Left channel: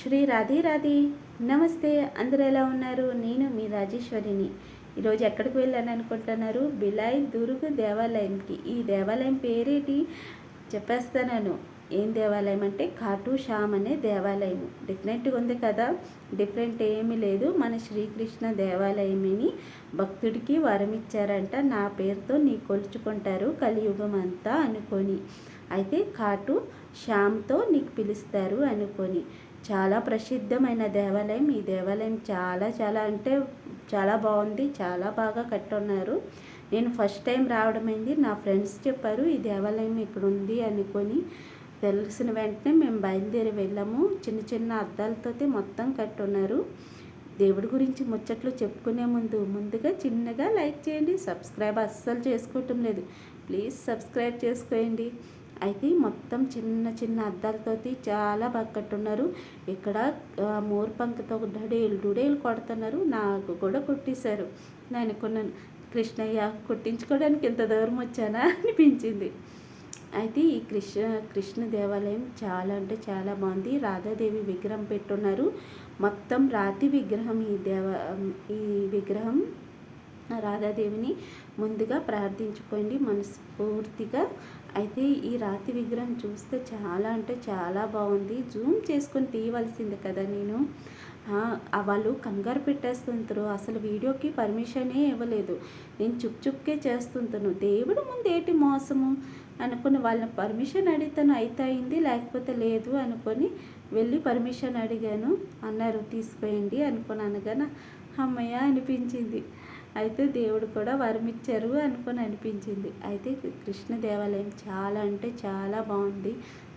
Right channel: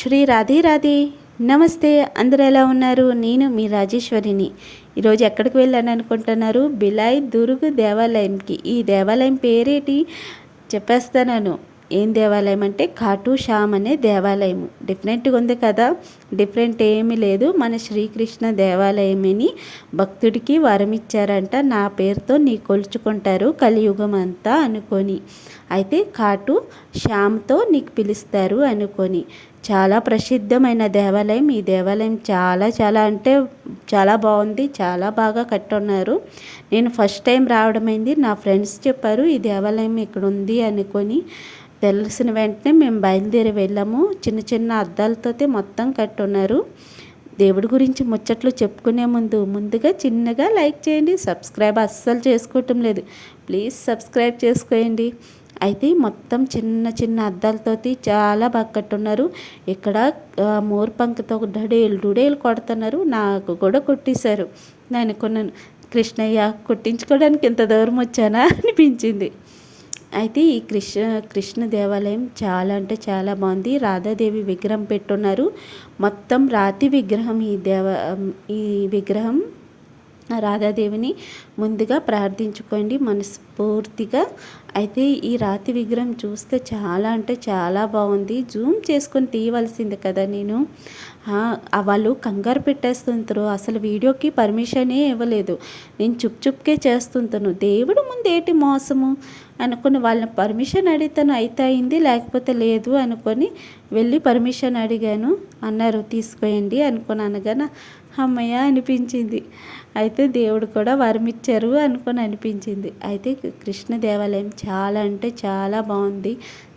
శ్రీ రాధే రాధే. నమస్తే. అందరూ ఎలా ఉన్నారు? నేను మీ రాజేశ్వరిని. ఈరోజు ఎక్కడికి వెళ్ళాను అనుకుంటున్నారు? బిలాయ్ దుర్గ్ దేవాలయంకి. ఈ దేవాలయం పేరేటి చెప్పేస్తాను. ఏం దేవాలయం అంటే ఖాటూ శ్యామ్ అనే దేవాలయం. డిఫరెంట్గా ఉంది కదా. డిఫరెంట్ ఏమీ లేదు, మన శ్రీకృష్ణ దేవాలయమని భక్తుడికి వరం ఇచ్చారంట. నా పేరుతో నీ కొలుచుకుంటారు కలియుగం అంతా అనుకొని. అయితే ఖాటూ శ్యామ్తో నీకు పిలుస్తారు అనుకొని. చాలా ప్రసిద్ధమైన దేవాలయం. ఈ దేవాలయం చాలా చాలా అంటే చాలా బాగుంది. చాలా బాగా కట్టున్నారు. నేను ఫస్ట్ టైం రావడమైంది. నా ఫ్రెండ్స్ చెప్పారు ఈ దేవాలయం ఇక్కడ ఉంది అనుకొని. తెలిసిన వెంటనే మేము బయలుదేరి వెళ్ళాము. చిన్న చిన్న అద్దాలతో మొత్తం కట్టున్నారు. దేవుడి గురించి ముచ్చట్లు చెప్పుకునే ముందుగా చిన్నగా లైక్ చేయండి. సబ్స్క్రైబ్ అస్సలు చేసుకోవటం లేదు, ప్లీజ్ సబ్స్క్రైబ్ చేసుకోండి. అయితే మొత్తం చిన్న చిన్న అద్దాలతోటి చాలా బాగా కట్టున్నారు. ఇక్కడ మోర్పంక్తో డడేలు కొడుతున్నారు. నాకు కూడా కొట్టేశారు. నేను అనుకున్నాను, కృష్ణయ్య కొట్టించుకోవడానికి ఇంత దూరం వచ్చానా అనిపించింది. అయితే ఈ కృష్ణ దేవాలయం చాలా అంటే చాలా బాగుంది. రాధాదేవి విగ్రహం పెట్టున్నారు. మొత్తం రాతి విగ్రహం. ఈ విగ్రహం రాధాదేవిని ముందుగా ప్రార్థించుకోండి మనస్ఫూర్తిగా. అయితే ఈ రాతి విగ్రహం చూస్తే చాలా అంటే చాలా బాగుంది. జూమ్ చేసుకొని తీయవలసింది కదా. నేను వాళ్ళు కంగారు పెట్టేస్తుంటారు. అసలు వీడియోకి పర్మిషనే ఇవ్వలేదు. నేను చుప్కే చేస్తుంటాను. దేవుడు ముందు ఏంటి మోసము అనుకుని వాళ్ళని పర్మిషన్ అడిగితాను. అయితే అయింది, లేకపోతే లేదు అనుకొని వెళ్ళి పర్మిషన్ అడిగాను. అన్నారు తీసుకోండి అనుకుని. అనగానే అమ్మయ్య అనిపించింది. అయితే దేవుడు కూడా వరం ఇచ్చారు అనుకొని అనిపించింది. అయితే కృష్ణ దేవాలయం చాలా అంటే చాలా బాగుంది.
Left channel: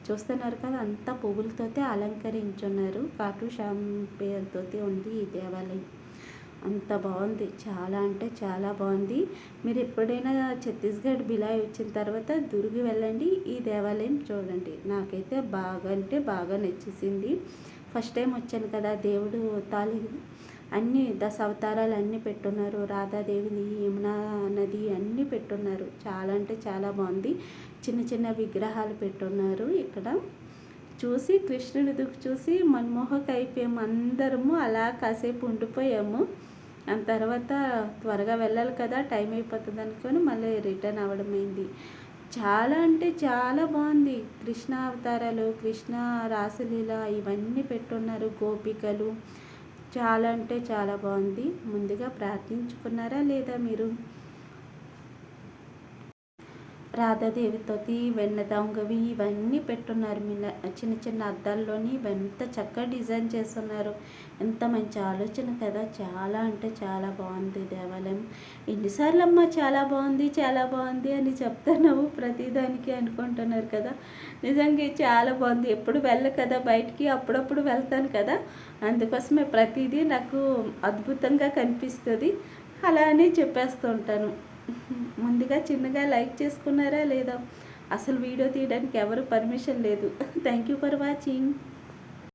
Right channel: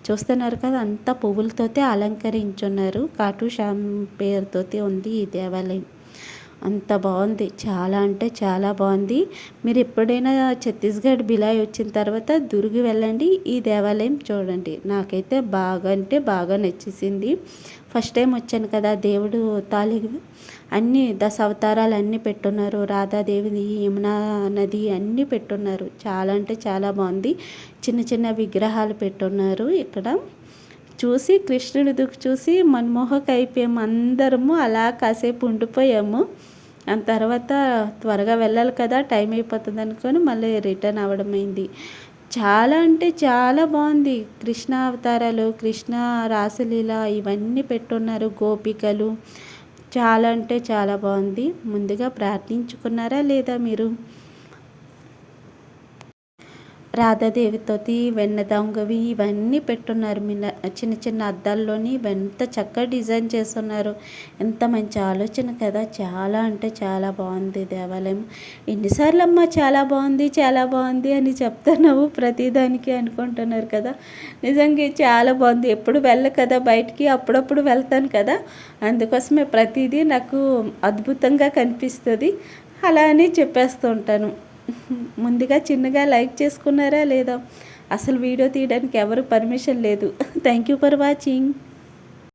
చూస్తున్నారు కదా, అంతా పువ్వులతోటి అలంకరించున్నారు. ఖాటూ శ్యామ్ పేరుతోటి ఉంది ఈ దేవాలయం. అంత బాగుంది. చాలా అంటే చాలా బాగుంది. మీరు ఎప్పుడైనా ఛత్తీస్గఢ్ బిలాయ్ వచ్చిన తర్వాత దుర్గ్ వెళ్ళండి, ఈ దేవాలయం చూడండి. నాకైతే బాగా అంటే బాగా నచ్చేసింది. ఫస్ట్ టైం వచ్చాను కదా. దేవుడు అన్ని దశ అవతారాలు అన్నీ పెట్టున్నారు. రాధాదేవిది, యమునా నది అన్నీ పెట్టున్నారు. చాలా అంటే చాలా బాగుంది. చిన్న చిన్న విగ్రహాలు పెట్టున్నారు. ఇక్కడ చూసి కృష్ణుడి చూసి మన్మోహక అయిపోయాము. అందరము అలా కాసేపు ఉండిపోయాము. దాని తర్వాత త్వరగా వెళ్ళాలి కదా, టైం అయిపోతుంది అనుకొని మళ్ళీ రిటర్న్ అవ్వడమైంది. చాలా అంటే చాలా బాగుంది. కృష్ణ అవతారాలు, కృష్ణ రాసలీల ఇవన్నీ పెట్టున్నారు. గోపికలు చాలా అంటే చాలా బాగుంది. ముందుగా ప్రార్థించుకున్నారా లేదా మీరు? రాధాదేవితోటి వెన్న దొంగవి ఇవన్నీ పెట్టున్నారు. చిన్న చిన్న అద్దాల్లోని ఎంత చక్కగా డిజైన్ చేస్తున్నారు. ఎంత మంచి ఆలోచన కదా. చాలా అంటే చాలా బాగుంది దేవాలయం. ఎన్నిసార్లు అమ్మా చాలా బాగుంది చాలా బాగుంది అని చెప్తున్నావు ప్రతిదానికి అనుకుంటున్నారు కదా. నిజంగా చాలా బాగుంది. ఎప్పుడు వెళ్ళ కదా బయటికి, అప్పుడప్పుడు వెళ్తాను కదా, అందుకోసమే ప్రతిదీ నాకు అద్భుతంగా కనిపిస్తుంది. అలా అని చెప్పేస్తూ ఉంటాను. ముందుగా చిన్నగా లైక్ చేసుకున్నారా లేదా? అసలు వీడియో తీయడానికి ఎవరు పర్మిషన్ లేదు. Thank you for watching.